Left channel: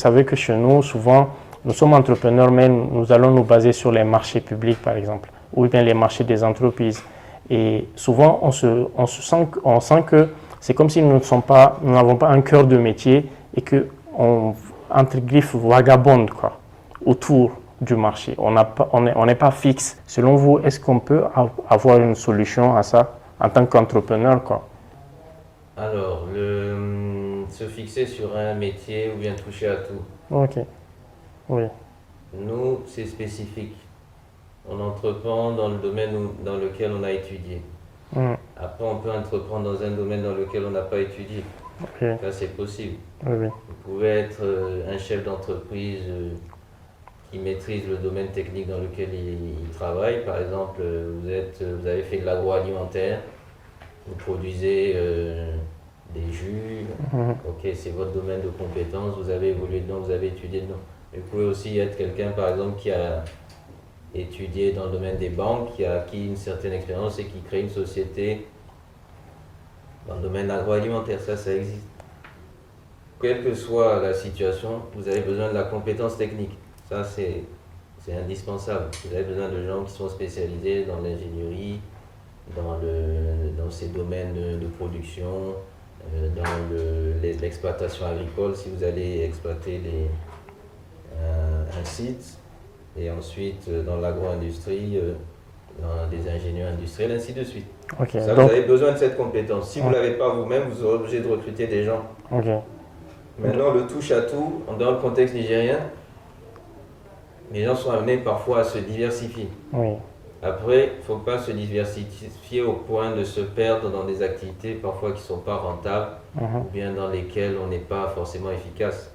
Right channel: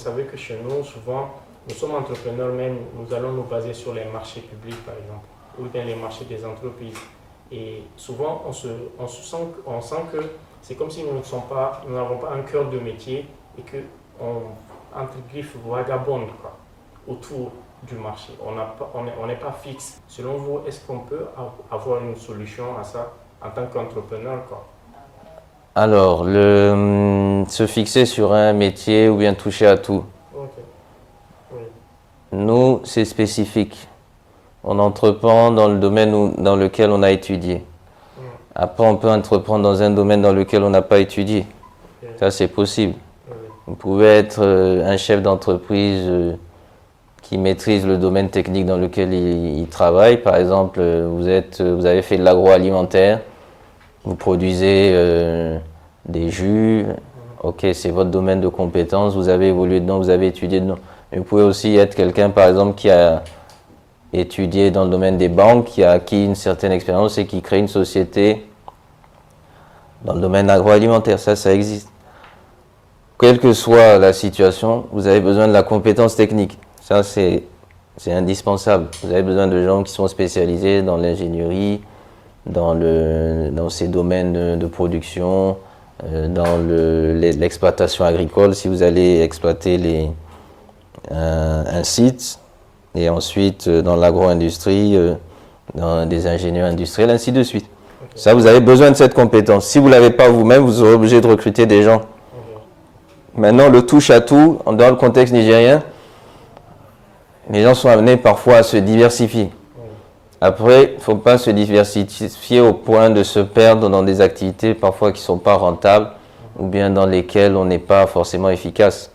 Vous savez que chez nous, souvent, nous sommes entrepreneurs, mais nous allons nous baser sur les marchés publics, par exemple, ou bien les marchés des entreprises. Et souvent, on sent que c'est comme si nous n'avons pas un cœur de métier et qu'on, entre griffes, vagabonde quoi, autour du marché. On n'est pas fixe. Selon vous, est-ce qu'on peut avoir une solution à ça en tant qu'entrepreneur, quoi? Alors, se fixer sur un métier ou bien toucher à tout. Ok, oui. Nous, c'est spécifique. On entreprend dans le domaine dans lequel on a étudié. Mm. Après, on peut entreprendre dans un domaine dans lequel on n'a pas étudié. Ok. Ça, c'est possible. Oui, oui. Vous pouvez être un chef d'entreprise qui maîtrise le domaine technique dans lequel il travaille. Par exemple, vous avez fait de l'agroalimentaire, vous produisez des jus. Ok, c'est votre domaine de compétence, vous avez évolué dedans, vous avez étudié dedans. Mais vous pouvez aussi être quelqu'un, par exemple, qui a étudié dans le domaine des banques, qui a acquis une certaine expérience et qui crée une société dans le domaine agroalimentaire. Ça existe. Quelle que soit la situation, vous avez besoin de la compétence technique. Ça, c'est indispensable. Vous avez besoin de gens qui sont spécialisés dans l'ingénierie, dans ces domaines de production, dans l'exploitation agricole, si vous allez exploiter un site, et ensuite dans l'agro-industrie, dans des ingénieurs industriels, ainsi de suite. Okay. Ça, vous avez besoin de cette compétence. Si vous ne l'avez pas vous-même, vous serez obligé de recruter des gens. Okay. Maintenant, le touche-à-tout, dans le contexte nigérien, les gens sont amenés parfois à se diversifier. Oui. Après, il ne faut pas se diversifier au point de se perdre dans des activités parfois qui ne sont pas rentables ou bien dans lesquelles on n'est pas forcément efficace.